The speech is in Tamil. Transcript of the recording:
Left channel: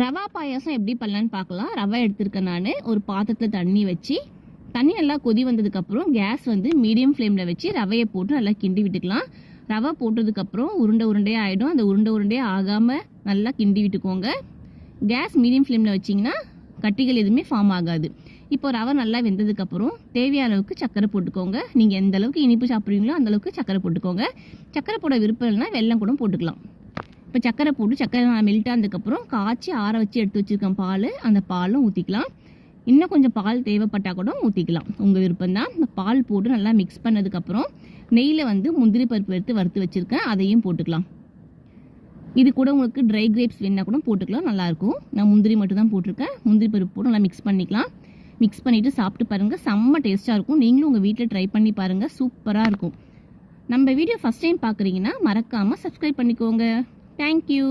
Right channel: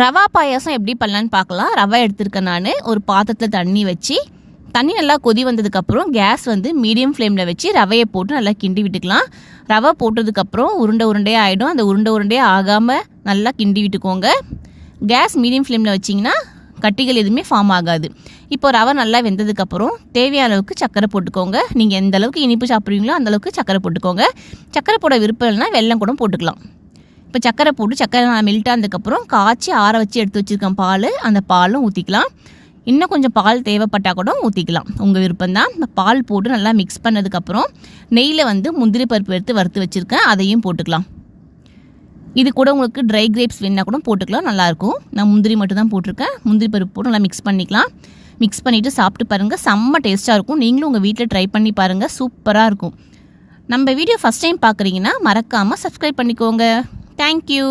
ரவா பாயாசம் எப்படி பண்ணலான்னு பார்க்கலாம். ரவை எடுத்துருக்கேன் நான். ஒரு பாத்திரத்தில் தண்ணி வச்சு, தண்ணி நல்லா கொதி வந்ததுக்கப்புறம் கேஸ் வந்து மீடியம் ஃப்ளேமில் வச்சு ரவையை போட்டு நல்லா கிண்டி விட்டுக்கலாம். ரவை போட்டதுக்கப்புறம் உருண்டையாக ஆகிடும். அந்த உருண்டையாக ஆகாமல் நல்லா கிண்டி விட்டுக்கோங்க. கேஸ் மீடியம் ஃப்ளேமில் வச்சிங்கன்னா கட்டிகள் எதுவுமே ஃபார்ம் ஆகாது. இப்போ ரவை நல்லா வெந்ததுக்கப்புறம் தேவையான அளவுக்கு சர்க்கரை போட்டுக்கோங்க. நீங்கள் எந்த அளவுக்கு இனிப்பு சாப்பிட்றீங்களோ அந்தளவுக்கு சர்க்கரை போட்டுக்கோங்க. சர்க்கரை போட விருப்பம் இல்லைன்னா வெல்லம் கூட போட்டுக்கலாம். இப்போ சர்க்கரை போட்டு சர்க்கரை மெல்ட் ஆனதுக்கப்புறம் காய்ச்சி ஆற வச்சு எடுத்து வச்சுருக்கேன் பால். அந்த பாலும் ஊற்றிக்கலாம். இன்னும் கொஞ்சம் பால் தேவைப்பட்டால் கூட ஊற்றிக்கலாம், உங்கள் விருப்பம்தான். இந்த பால் போட்டு நல்லா மிக்ஸ் பண்ணதுக்கப்புறம் நெய்யில் வந்து முந்திரி பருப்பு எடுத்து வறுத்து வச்சுருக்கேன், அதையும் போட்டுக்கலாம். இது கூட உங்களுக்கு ட்ரை கிரேப்ஸ் வேணால் கூட போட்டுக்கலாம், நல்லாயிருக்கும். நான் முந்திரி மட்டும் தான் போட்டிருக்கேன். முந்திரி பருப்பு போட்டு நல்லா மிக்ஸ் பண்ணிக்கலாம். மிக்ஸ் பண்ணிவிட்டு சாப்பிட்டு பாருங்கள், செம்ம டேஸ்ட்டாக இருக்கும். நீங்களும் உங்கள் வீட்டில் ட்ரை பண்ணி பாருங்கள், சூப்பராக இருக்கும். நம்ம வீடியோ ஃபஸ்ட் டைம் பார்க்குறீங்கன்னா மறக்காமல் சப்ஸ்கிரைப் பண்ணிக்கோங்க. Thank you.